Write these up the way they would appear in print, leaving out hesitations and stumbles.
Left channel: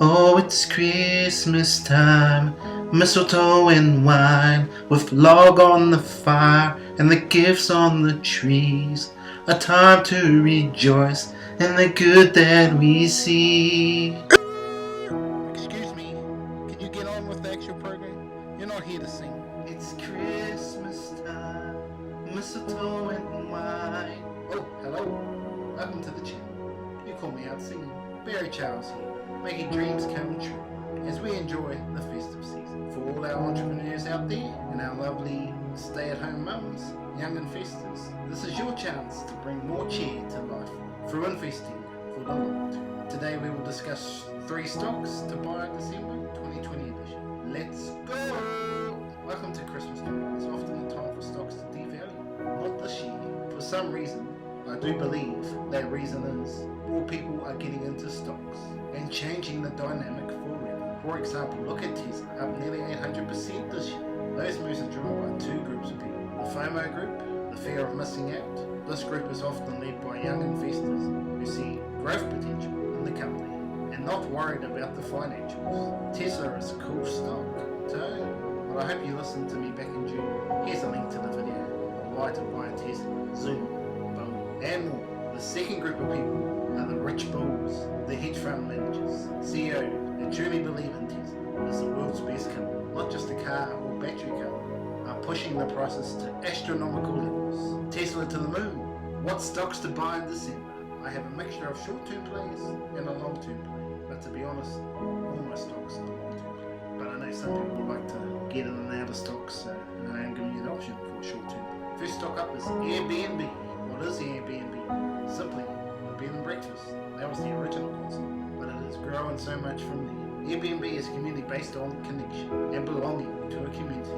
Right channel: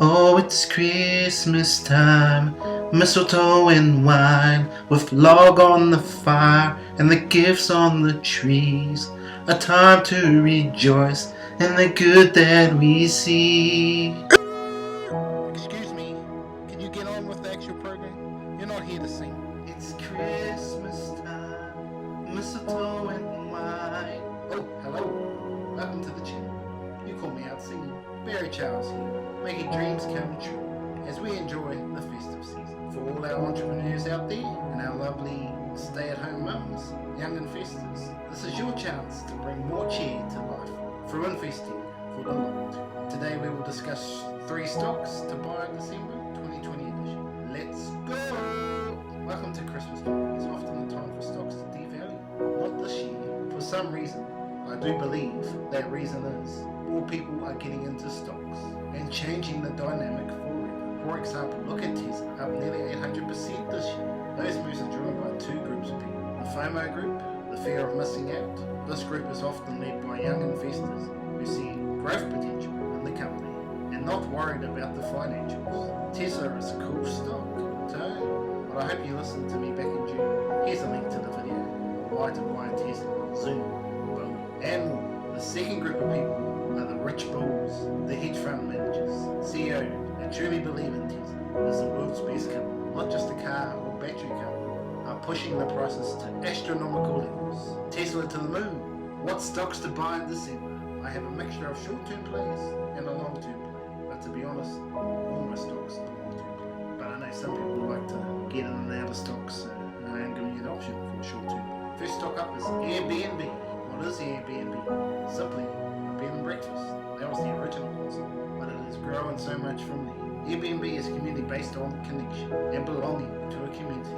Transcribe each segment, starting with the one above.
Oh, it's Christmas time, mistletoe and wine, with log on the fire and the gifts on the trees. A time to rejoice in the good that we see. Excuse me, can you get on with the actual program? You're not here to sing. It's Christmas time, mistletoe and wine. Oh, hello. Welcome to the channel. You call me out singing. Barry Charles here, making dreams come true as we enjoy the festive season. For all our entrepreneurs out there and our lovely stay-at-home mums, young investors, this is your chance to bring more cheer to life through investing for the long term. Today we will discuss 3 stocks to buy in December 2020 edition. Let's go! Welcome to Christmas time. It's often a time for stocks to devalue. Not this year. For some reason, I do believe that reason is more people are getting into stocks and changing the dynamic forever. For example, look at Tesla, up nearly 800% this year. Those moves are driven by 2 groups of people. The FOMO group, the fear of missing out. This group is often led by young investors who see growth potential in the company and not worried about the financials. Tesla is a cool stock, so, but I hope you listened to me back in June. Here's a link to the video of why to buy a Tesla, Zoom, Boom, and more. The second group of people are the rich bulls, the hedge fund managers, CEOs that truly believe in Tesla as the world's best company, not just a car or battery company, are pushing the prices to astronomical levels. Tesla to the moon. What stocks to buy in December? I have a mixture of short-term plays and a long-term play, but to be honest, all my stocks are long-term play. But I know some people like to get in and out of stocks, so I am giving you an option for a short-term play. First stock up is Airbnb. What is Airbnb? Simply a bed and breakfast. That was the original concept, but it has grown so much from there. Airbnb is a community based on connection and belonging to a community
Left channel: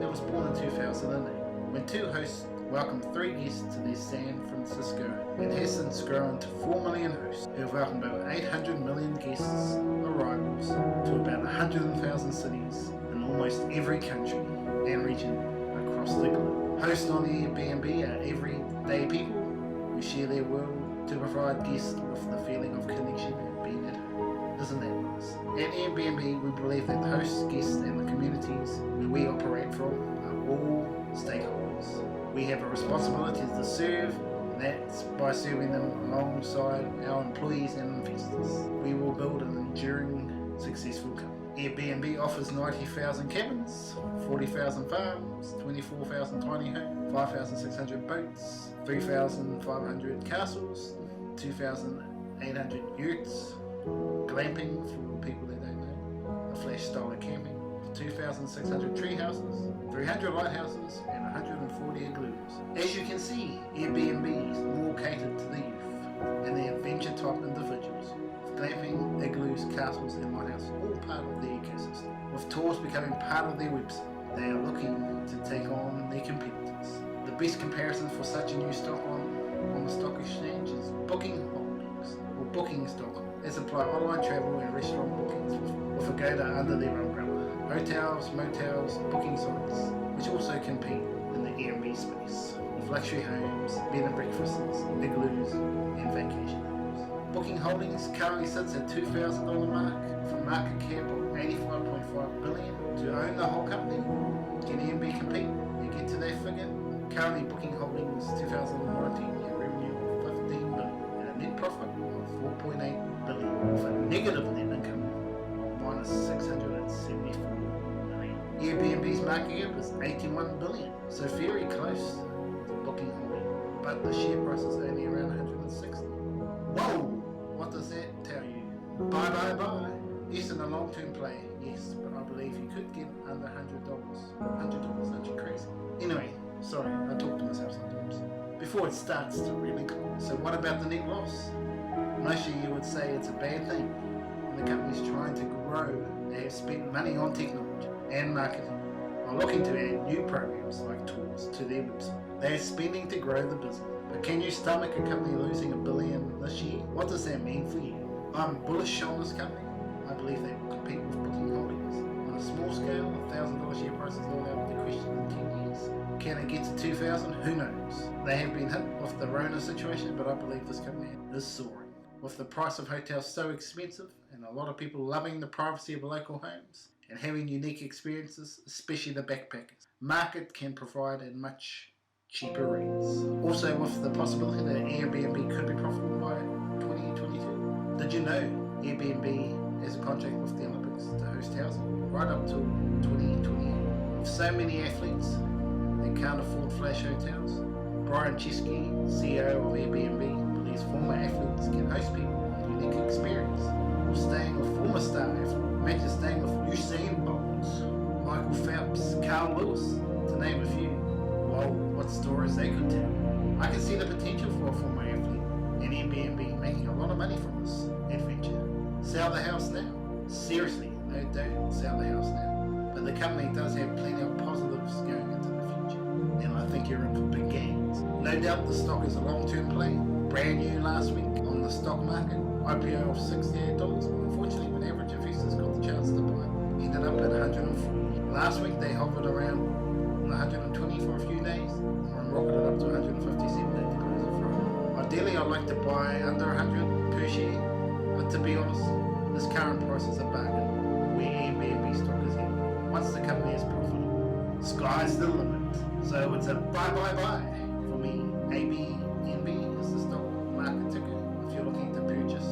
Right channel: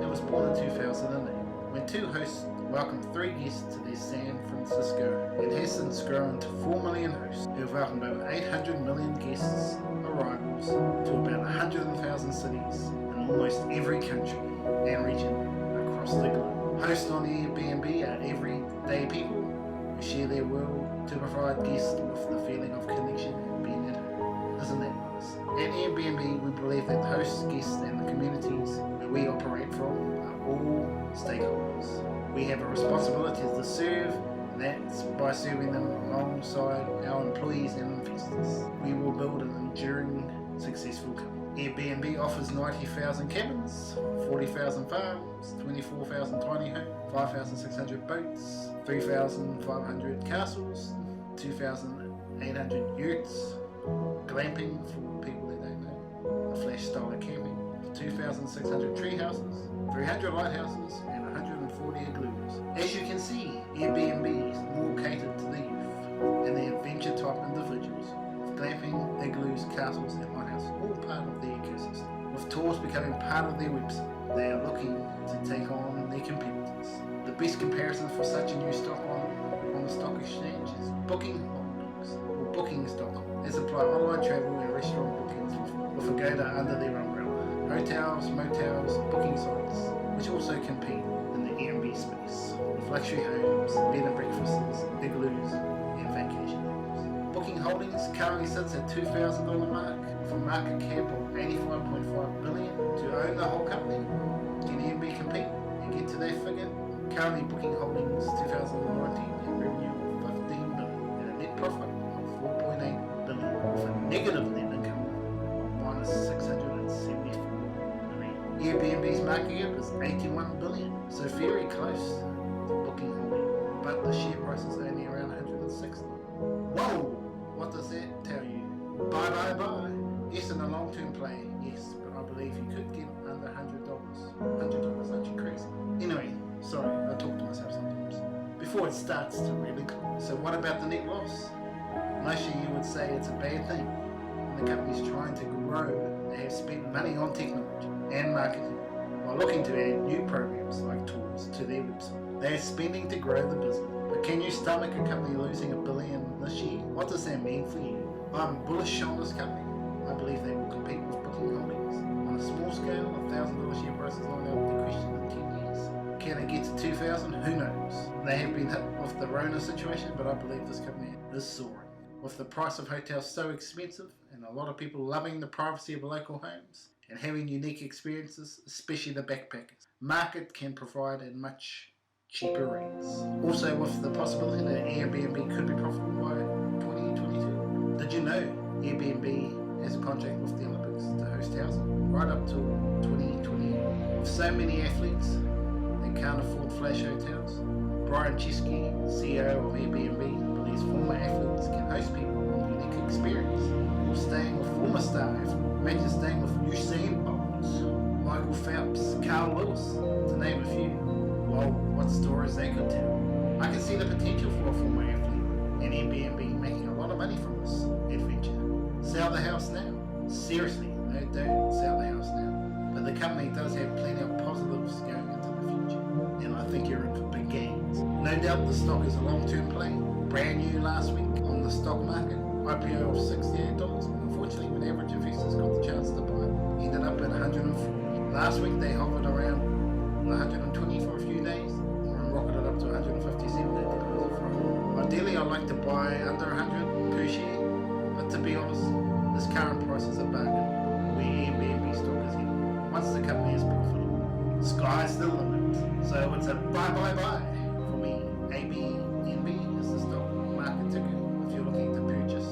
that was born in 2008 when 2 hosts welcomed 3 guests to their San Francisco and has since grown to 4 million hosts who have welcomed over 800 million guests arrivals to about 100,000 cities in almost every country and region across the globe. Hosts on Airbnb are everyday people who share their world to provide guests with the feeling of connection and being at home. Isn't that nice? At Airbnb, we believe that the hosts, guests, and the communities where we operate from are all stakeholders. We have a responsibility to serve, and that's by serving them alongside our employees and investors. We will build an enduring, successful company. Airbnb offers 90,000 cabins, 40,000 farms, 24,000 tiny homes, 5,600 boats, 3,500 castles, 2,800 yurts, glamping for people that don't know, a flash style of camping, 2,600 tree houses, 300 lighthouses, and 140 igloos. As you can see, Airbnb is more catered to the youth and the adventure type individuals, with glamping, igloos, castles, and lighthouses all part of their ecosystem. With tours becoming part of their website, they are looking to take on their competitors. The best comparison for such a new stock on the stock exchange is Booking Holdings or Booking.com, as apply online travel and restaurant bookings with a Agoda under their umbrella. Hotels, motels, booking sites, which also compete in the Airbnb space, with luxury homes, bed and breakfasts, igloos, and vacation homes. Booking Holdings currently sits at $2,000 mark, with a market cap of $85.5 billion. To own the whole company, can Airbnb compete and get to that figure? Currently, Booking Holdings 2019 had revenue of $15 billion and a net profit of $4.8 billion, with a negative net income of minus $674 million. Airbnb's market cap is $81 billion, so very close to Booking Holdings, but the share price is only around 160. Whoa! What does that tell you? Buy, buy, buy. Yes, in a long-term play, yes, but I believe you could get under $100. $100, aren't you crazy? Anyway, sorry, I talk to myself sometimes. Before it starts to really climb. So what about the net loss? Most of you would say it's a bad thing. When the company's trying to grow, they have spent money on technology and marketing while looking to add new programs like tours to their website. They are spending to grow the business. But can you stomach a company losing $1 billion this year? What does that mean for you? I'm bullish on this company. I believe they will compete with Booking Holdings. On a small scale, $1,000 share price is not out of the question in 10 years. Can it get to 2,000? Who knows? They have been hit with the Rona situation, but I believe this company is soaring. With the price of hotels so expensive, and a lot of people loving the privacy of local homes and having unique experiences, especially the backpackers. Market can provide at much cheaper rates. Also, with the possibility that Airbnb could be profitable by 2022. Did you know Airbnb has a contract with the Olympics to host housing right up till 2028? With so many athletes, they can't afford flash hotels. Brian Chesky, CEO of Airbnb, believes former athletes can host people on unique experience. Or staying with former star athletes. Imagine staying with Usain Bolt, Michael Phelps, Carl Lewis, to name a few. Well, what stories they could tell. I can see the potential for a former athlete and Airbnb making a lot of money from this adventure. Sell the house now. Seriously, no, don't sell the house now. But the company does have plenty of positives going into the future, and I think you're in for big gains. No doubt the stock is a long-term play. Brand new last week on the stock market. IPO of $68. Unfortunately, when average investors got the chance to buy, ended up at $140. Last week they hovered around $120 for a few days and rocketed up to $157 at the close of Friday. Ideally, I'd like to buy under $100 per share, but to be honest, this current price is a bargain where Airbnb stock is heading. Once the company is profitable, sky's the limit. So it's a buy for me. Airbnb is the stock market ticker. If you're looking to purchase,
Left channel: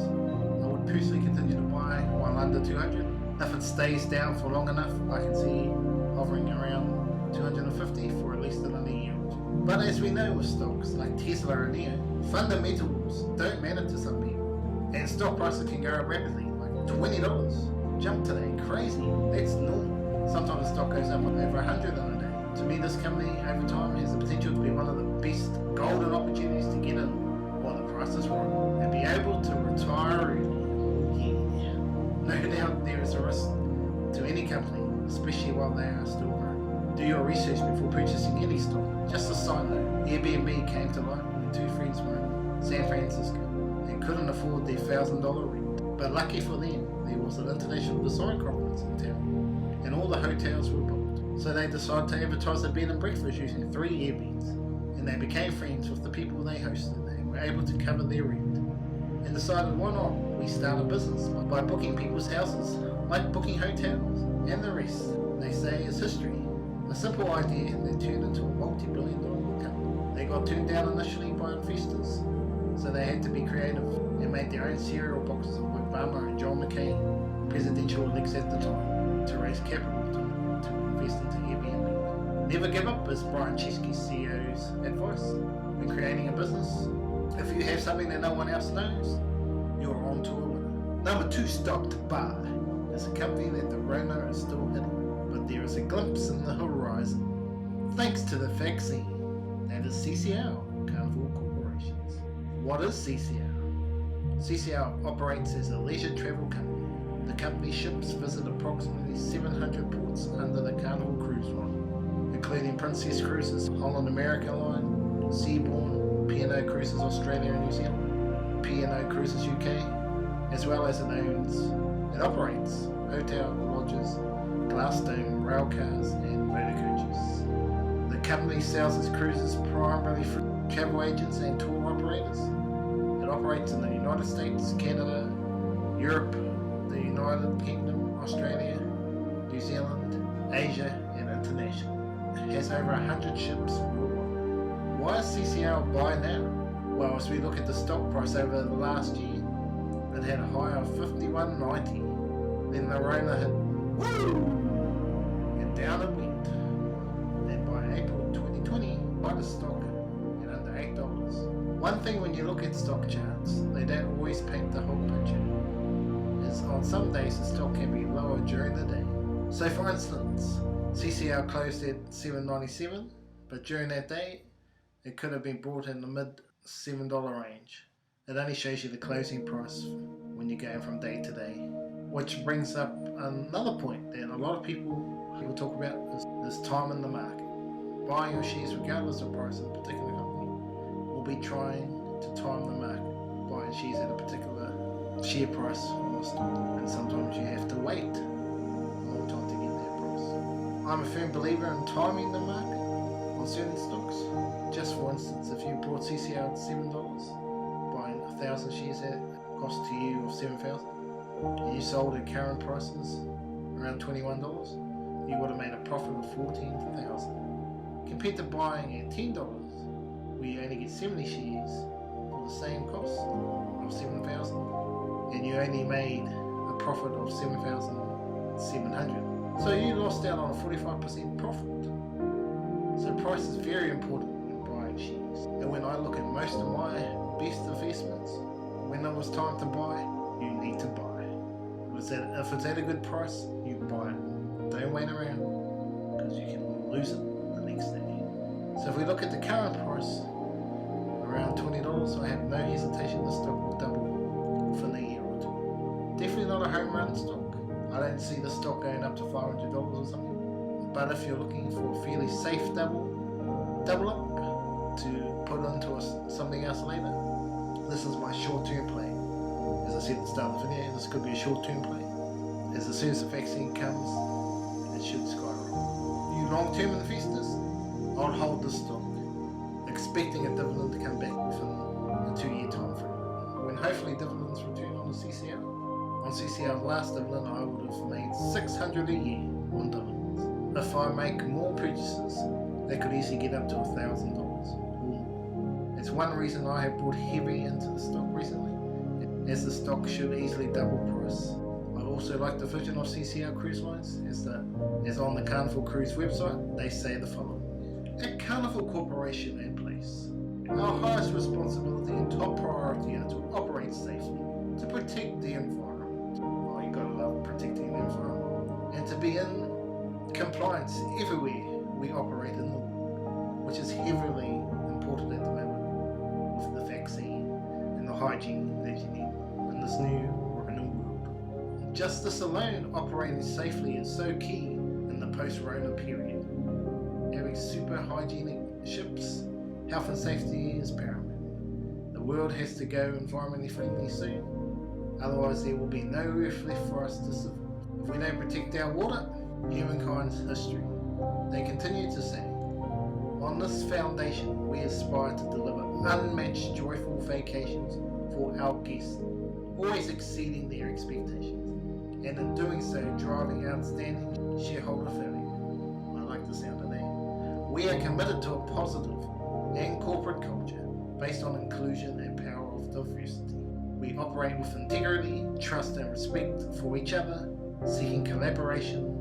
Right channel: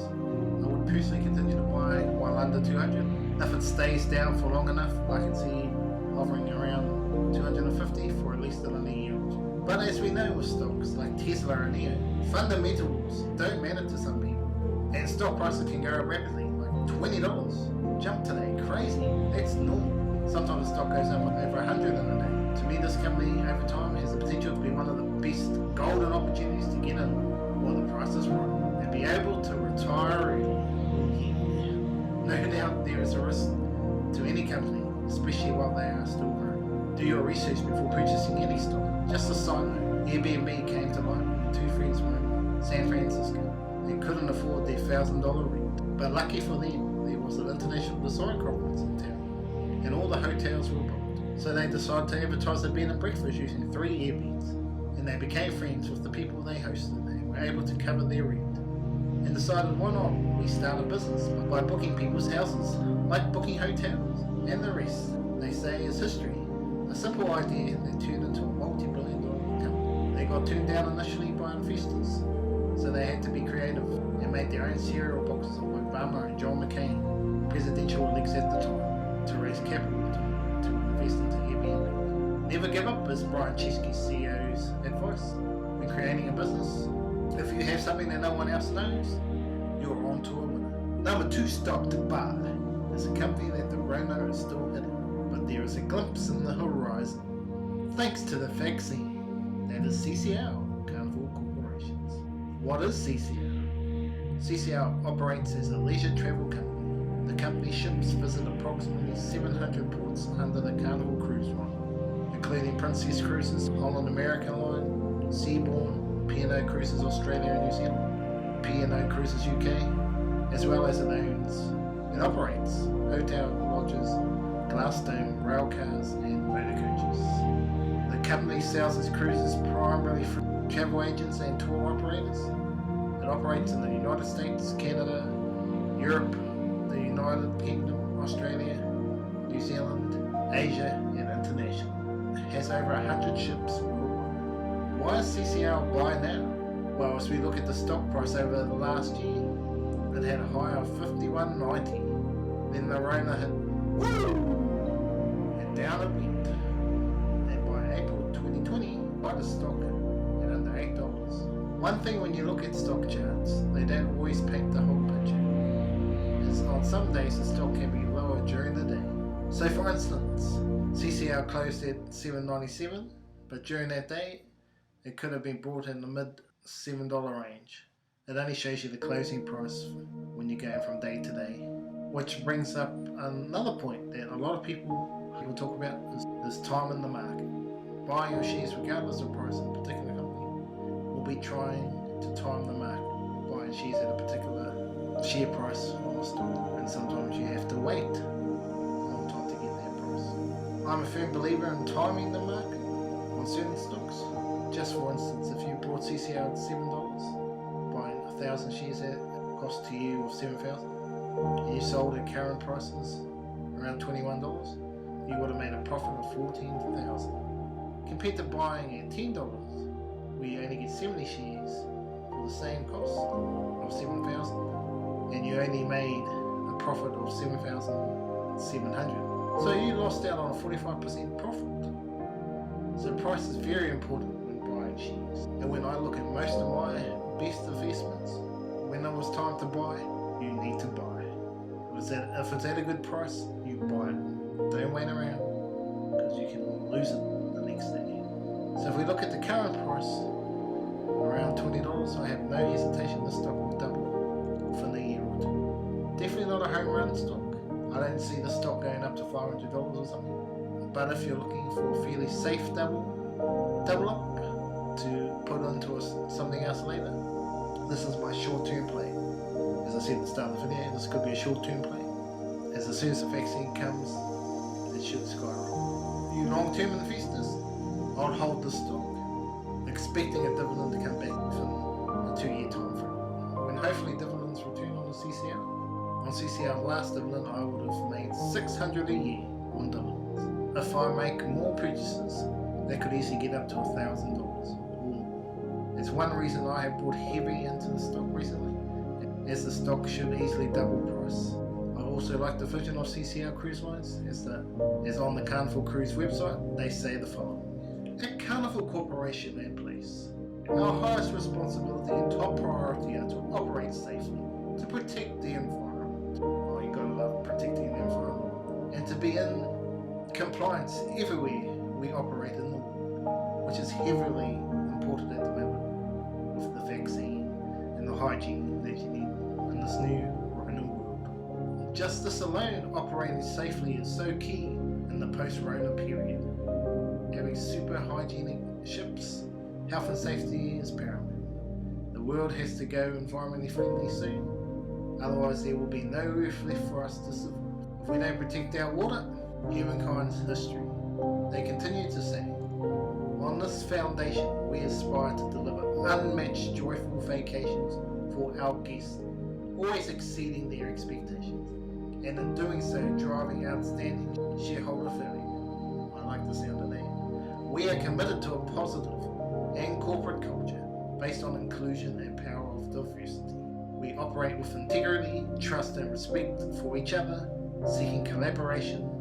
I would personally continue to buy while under 200. If it stays down for long enough, I can see hovering around 250 for at least another year or two. But as we know with stocks like Tesla and NEO, fundamentals don't matter to some people. And stock prices can go up rapidly, like $20. Jump today, crazy. That's normal. Sometimes the stock goes up over 100 in a day. To me, this company over time has the potential to be one of the best golden opportunities to get in while the price is right and be able to retire early. Oh yeah. No doubt there is a risk to any company, especially while they are still growing. Do your research before purchasing any stock. Just a side note, Airbnb came to light when two friends were in San Francisco and couldn't afford their $1,000 rent. But lucky for them, there was an international design conference in town and all the hotels were booked. So they decided to advertise a bed and breakfast using 3 Airbnbs, and they became friends with the people they hosted and were able to cover their rent. And decided, why not? We start a business by booking people's houses, like booking hotels, and the rest, they say, is history. A simple idea that turned into a multi-billion-dollar company. They got turned down initially by investors, so they had to be creative and made their own cereal boxes of Obama and John McCain, presidential elects at the time, to raise capital to invest into Airbnb. Never give up is Brian Chesky's CEO's advice when creating a business. If you have something that no one else knows, you're on to a winner. Number 2 stock to buy is a company that the Rona is still hitting, but there is a glimpse in the horizon. Thanks to the vaccine, that is CCL, Carnival Corporations. What is CCL? CCL operates as a leisure travel company. The company ships visit approximately 700 ports under the Carnival cruise line, including Princess Cruises, Holland American Line, Seabourn, P&O Cruises Australia and New Zealand, P&O Cruises UK, as well as it owns and operates hotel lodges, glassstone rail cars and motor coaches. The company sells its cruises primarily through travel agents and tour operators. It operates in the United States, Canada, Europe, the United Kingdom, Australia, New Zealand, Asia and internationally. It has over 100 ships worldwide. Why is CCL buy now? Well, as we look at the stock price over the last year, it had a high of $51.90. Then the Rona hit, woo! And down it went. And by April 2020, buy the stock at under $8. One thing when you look at stock charts, they don't always paint the whole picture. Is on some days the stock can be lower during the day. So for instance, CCL closed at $7.97, but during that day, it could have been bought in the mid $7 range. It only shows you the closing price when you're going from day to day. Which brings up another point that a lot of people talk about is time in the market. Buying your shares regardless of price in a particular company will be trying to time the market. Buying shares at a particular share price on the stock, and sometimes you have to wait a long time to get that price. I'm a firm believer in timing the market on certain stocks. Just for instance, if you bought CCL at $7, buying 1,000 shares at cost to you of $7,000, and you sold at current prices around $21, you would have made a profit of $14,000. Compared to buying at $10, where you only get 70 shares for the same cost of $7,000, and you only made a profit of $7,700. So you lost out on a 45% profit. So price is very important when buying shares. And when I look at most of my best investments, when it was time to buy, you need to buy. If it's at a good price, you buy it. Don't wait around, because you can lose it the next day. So if we look at the current price, around $20, I have no hesitation the stock will double within a year or two. Definitely not a home run stock. I don't see the stock going up to $500 or something. But if you're looking for a fairly safe double up to put into something else later, this is my short-term play. As I said at the start of the video, this could be a short-term play. As soon as the vaccine comes, it should skyrocket. You long-term investors, I'll hold this stock, expecting a dividend to come back within a 2-year time frame. When hopefully dividends return on the CCL. On CCL's last dividend, I would have made $600 a year on dividends. If I make more purchases, they could easily get up to $1,000 or more. It's one reason I have bought heavy into the stock recently, as the stock should easily double price. I also like the vision of CCL Cruise Lines, as on the Carnival Cruise website, they say the following. At Carnival Corporation and Place, our highest responsibility and top priority are to operate safely, to protect the environment. Well, you gotta love protecting the environment. And to be in compliance everywhere we operate in the world, which is heavily important at the moment with the vaccine and the hygiene that you need in this new Rona world. Just this alone, operating safely is so key in the post-Rona period. Having super hygienic ships, health and safety is paramount. The world has to go environmentally friendly soon, otherwise there will be no earth left for us to survive. If we don't protect our water, humankind's history. They continue to say, on this foundation we aspire to deliver unmatched joyful vacations for our guests, always exceeding their expectations, and in doing so driving outstanding shareholder value. I like the sound of that. We are committed to a positive and corporate culture based on inclusion and power of diversity. We operate with integrity, trust and respect for each other, seeking collaboration,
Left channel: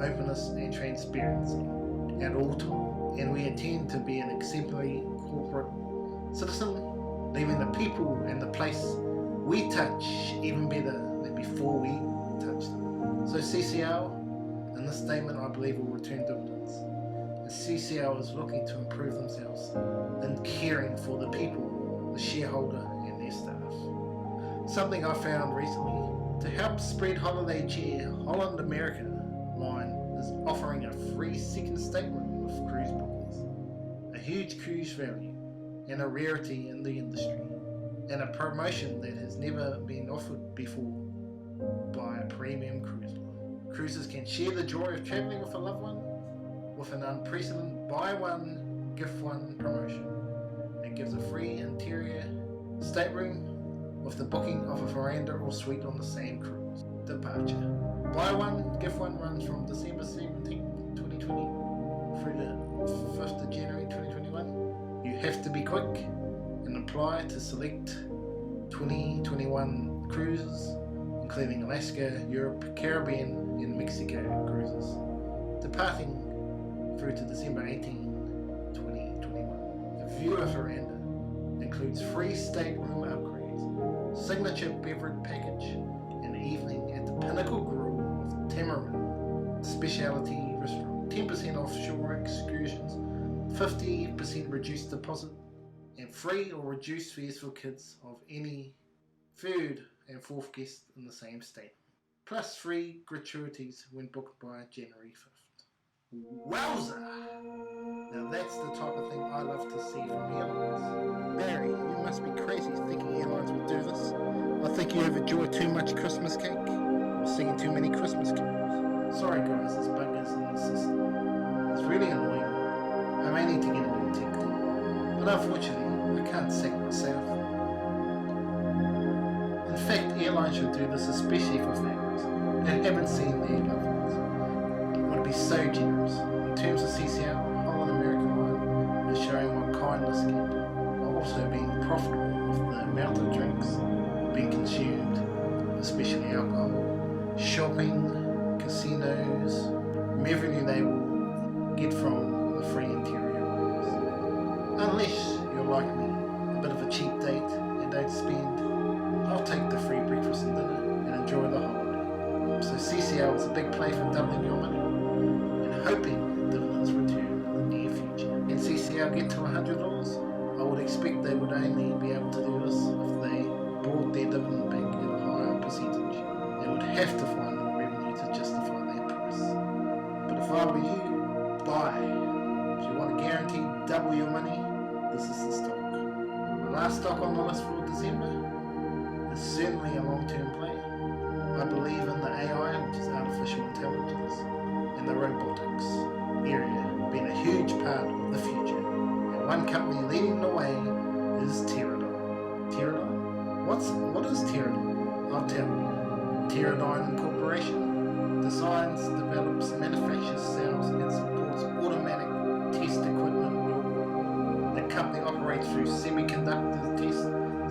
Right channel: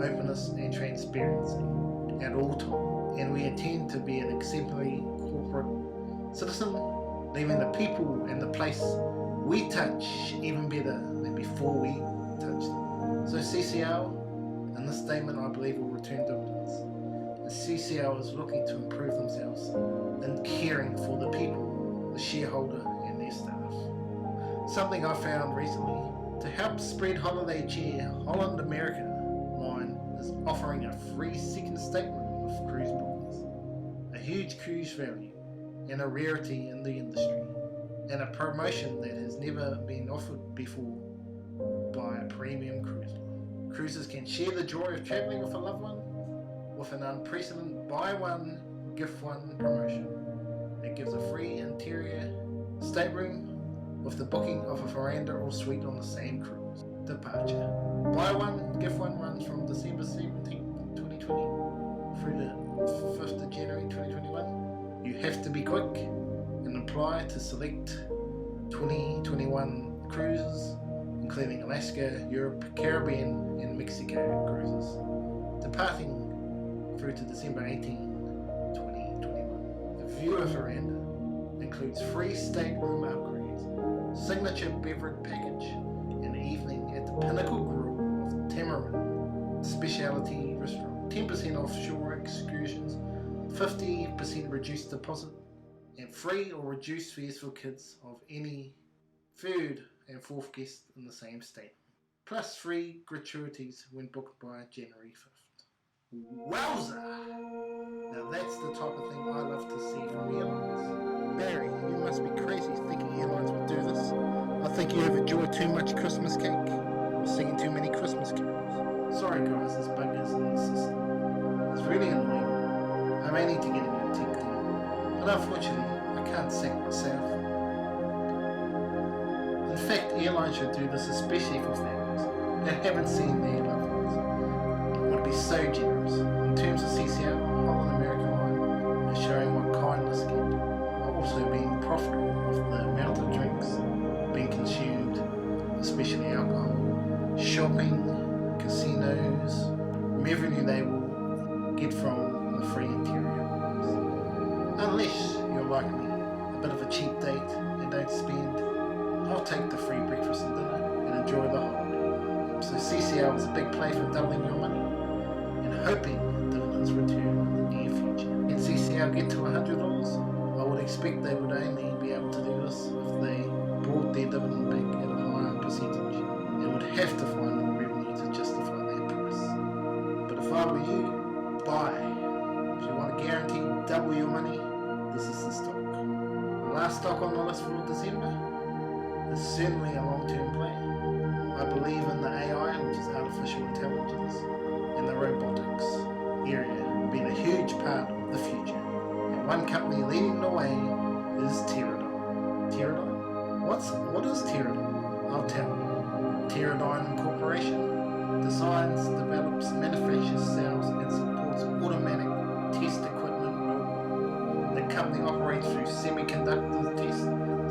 openness and transparency at all times, and we intend to be an exemplary corporate citizen, leaving the people and the place we touch even better than before we touched them. So CCL, in this statement, I believe will return dividends. The CCL is looking to improve themselves in caring for the people, the shareholder and their staff. Something I found recently, to help spread holiday cheer, Holland America line is offering a free second stateroom with cruise bookings, a huge cruise value and a rarity in the industry, and a promotion that has never been offered before by a premium cruise line. Cruisers can share the joy of traveling with a loved one with an unprecedented buy one, gift one promotion that gives a free interior stateroom with the booking of a veranda or suite on the same cruise. Departure. Buy one, gift one runs from December 17th, 2020 through the 5th of January 2021. You have to be quick and apply to select 2021 cruises, including Alaska, Europe, Caribbean and Mexico cruises, departing through to December 18, 2021. The viewer veranda includes free stateroom upgrades, signature beverage package, and evening at the Pinnacle Grill of Teradyne Specialty Restaurant. 10% offshore excursions, 50% reduced deposit, and free or reduced fares for kids of any third and fourth guest in the same state. Plus free gratuities when booked by January 5th. Wowza! Now that's the type of thing I love to see from airlines. Barry, you must be crazy thinking airlines would do this. I think you have enjoyed too much Christmas cake, or singing too many Christmas carols. Sorry guys, this bug is in the system. It's really annoying. I may need to get a new tech team, but unfortunately, I can't sack myself. In fact, airlines should do this especially for families that haven't seen their loved ones. It would be so generous. In terms of CCL, Holland American Line is showing what kindness can do, while also being profitable with the amount of drinks being consumed, especially alcohol, shopping, casinos, revenue they will get from the free interior rooms. Unless you're like me, a bit of a cheap date and don't spend, I'll take the free breakfast and dinner and enjoy the holiday. So CCL is a big play for doubling your money and hoping dividends return in the near future. Can CCL get to $100? I would expect they would only be able to do this if they brought their dividend back at a higher percentage. They would have to find more revenue to justify their price. But if I were you, buy. If you want to guarantee double your money, this is the stock. The last stock on the list for December is certainly a long-term play. I believe in the AI, which is artificial intelligence, and the robotics area being a huge part of the future. And one company leading the way is Teradyne. Teradyne? What is Teradyne? I'll tell you. Teradyne Incorporation designs, develops, manufactures, sells, and supports automatic test equipment worldwide. The company operates through semiconductor test,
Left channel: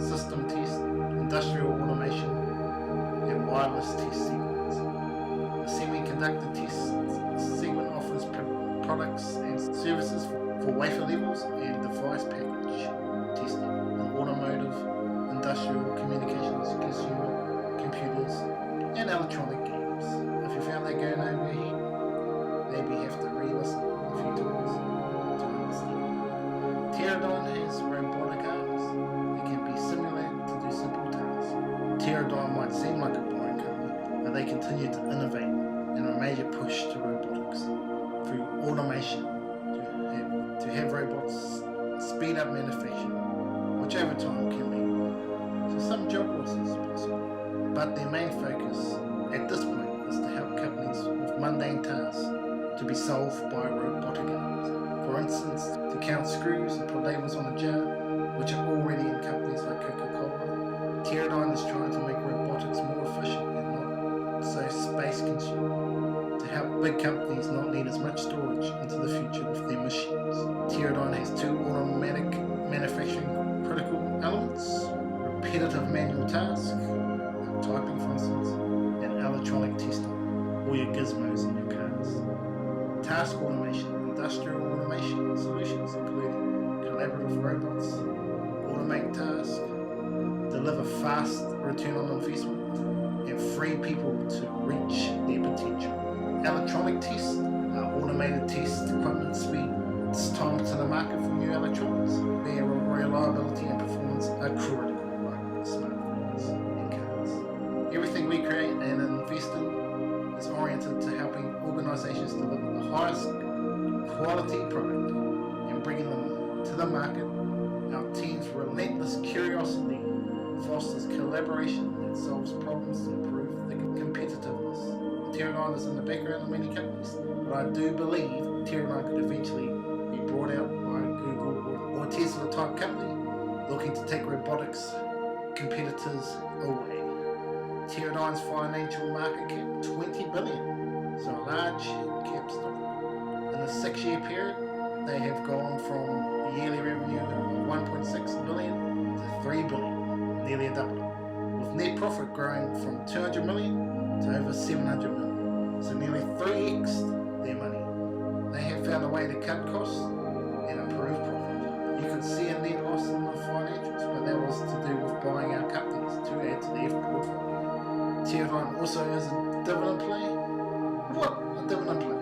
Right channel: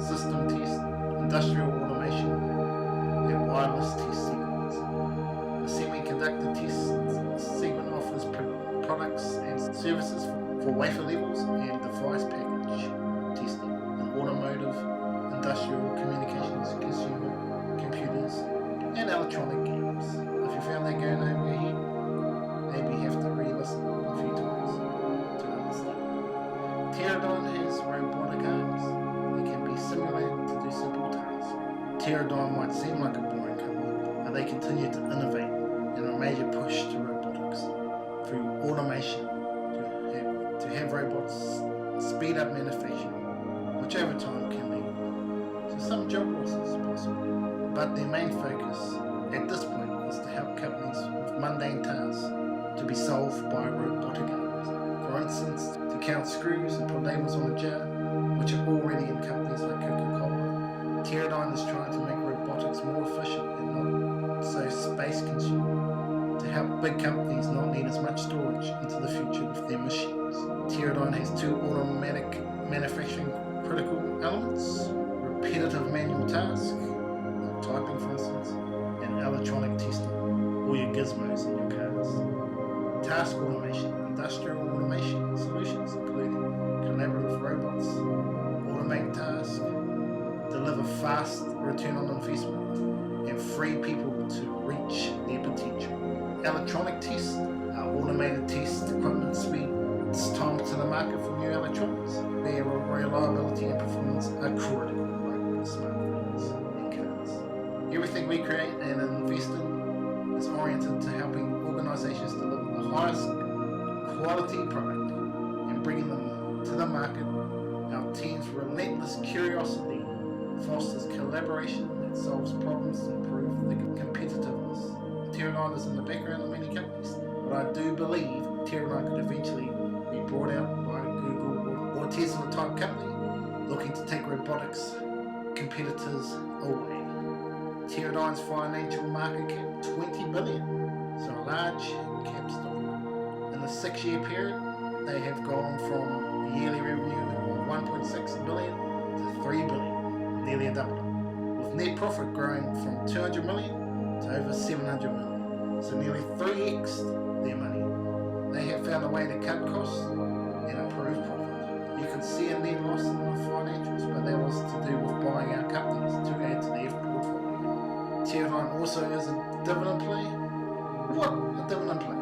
system test, industrial automation, and wireless test segments. The semiconductor test segment offers products and services for wafer levels and device package testing in automotive, industrial, communications, consumer, computers, and electronic games. If you found that going over your head, maybe you have to re-listen a few times to understand. Teradyne has robotic arms that can be simulated to do simple tasks. Teradyne might seem like a boring company, but they continue to innovate and a major push to robotics through automation to have robots speed up manufacturing, which over time can lead to some job losses possibly. But their main focus at this point is to help companies with mundane tasks to be solved by robotic arms. For instance, to count screws and put labels on a jar, which are already in companies like Coca-Cola. Teradyne is trying to make robotics more efficient and not so space consuming, to help big companies not need as much storage into the future with their machines. Teradyne has two automatic manufacturing critical elements: repetitive manual tasks, typing for instance, and electronic testing, all your gizmos in your cars. Task automation, industrial automation solutions including collaborative robots, automate tasks, deliver fast return on investment, and free people to reach their potential. Electronic tests are automated test equipment speed. It's time to the market for new electronics. Their reliability and performance are critical, like smartphones and cars. Everything we create and invest in is oriented to helping organizations deliver the highest quality product and bringing them to the market. Our team's relentless curiosity fosters collaboration that solves problems to improve the competitiveness. Teradyne is in the background of many companies, but I do believe Teradyne could eventually be brought out by Google or Tesla type company looking to take robotics competitors away. Teradyne's financial market cap, $20 billion, so a large cap stock. In a 6-year period, they have gone from yearly revenue of $1.6 billion to $3 billion, nearly a double, with net profit growing from $200 million to over $700 million, so nearly 3x their money. They have found a way to cut costs and improve profit. You can see a net loss in the financials, but that was to do with buying out companies to add to their portfolio. Teradyne also is a dividend play. What a dividend play!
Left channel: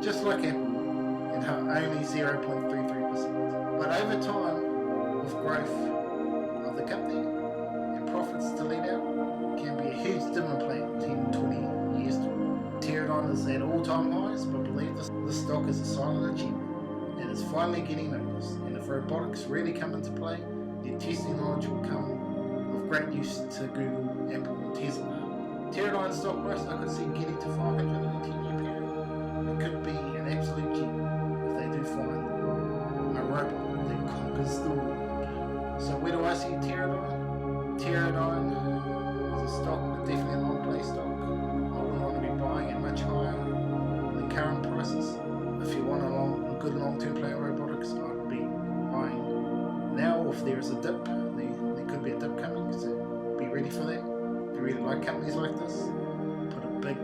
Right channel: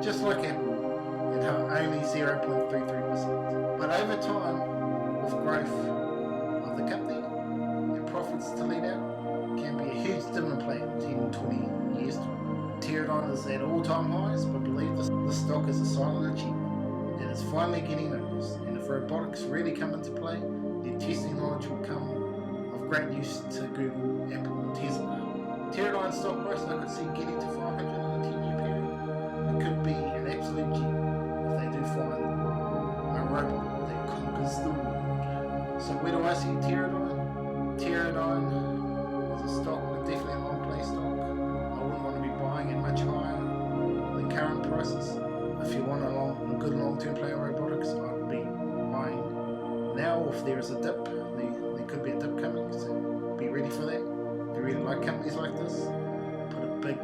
Just like Apple, at only 0.33%. But over time, with growth of the company and profits to lead out, can be a huge dividend play in 10-20 years time. Teradyne is at all-time highs, but believe this stock is a silent achievement. It is finally getting noticed, and if robotics really come into play, their testing knowledge will come of great use to Google, Apple, and Tesla. Teradyne stock price I could see getting to 500 in a 10-year period. It could be an absolute gem if they do find a robot that conquers the world. So where do I see Teradyne? Teradyne definitely a long play stock. I wouldn't want to be buying at much higher than current prices. If you want a good long-term play on robotics, I'd be buying now. If there is a dip, there could be a dip coming, so be ready for that. If you really like companies like this, put a big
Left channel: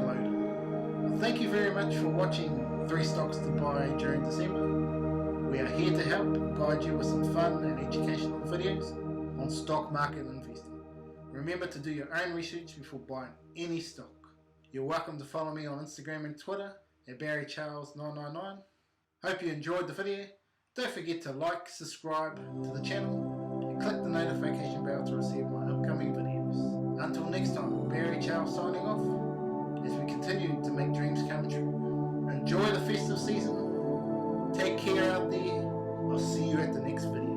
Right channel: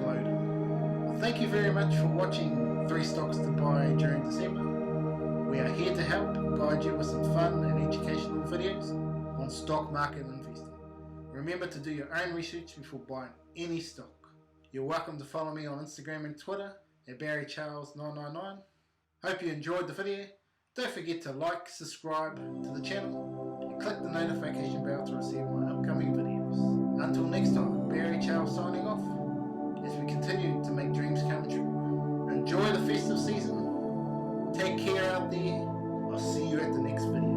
load in. Well, thank you very much for watching 3 stocks to buy during December. We are here to help guide you with some fun and educational videos on stock market investing. Remember to do your own research before buying any stock. You're welcome to follow me on Instagram and Twitter at BarryCharles999. Hope you enjoyed the video. Don't forget to like, subscribe to the channel and click the notification bell to receive my upcoming videos. Until next time, Barry Charles signing off as we continue to make dreams come true. Enjoy the festive season. Take care out there. I'll see you at the next video.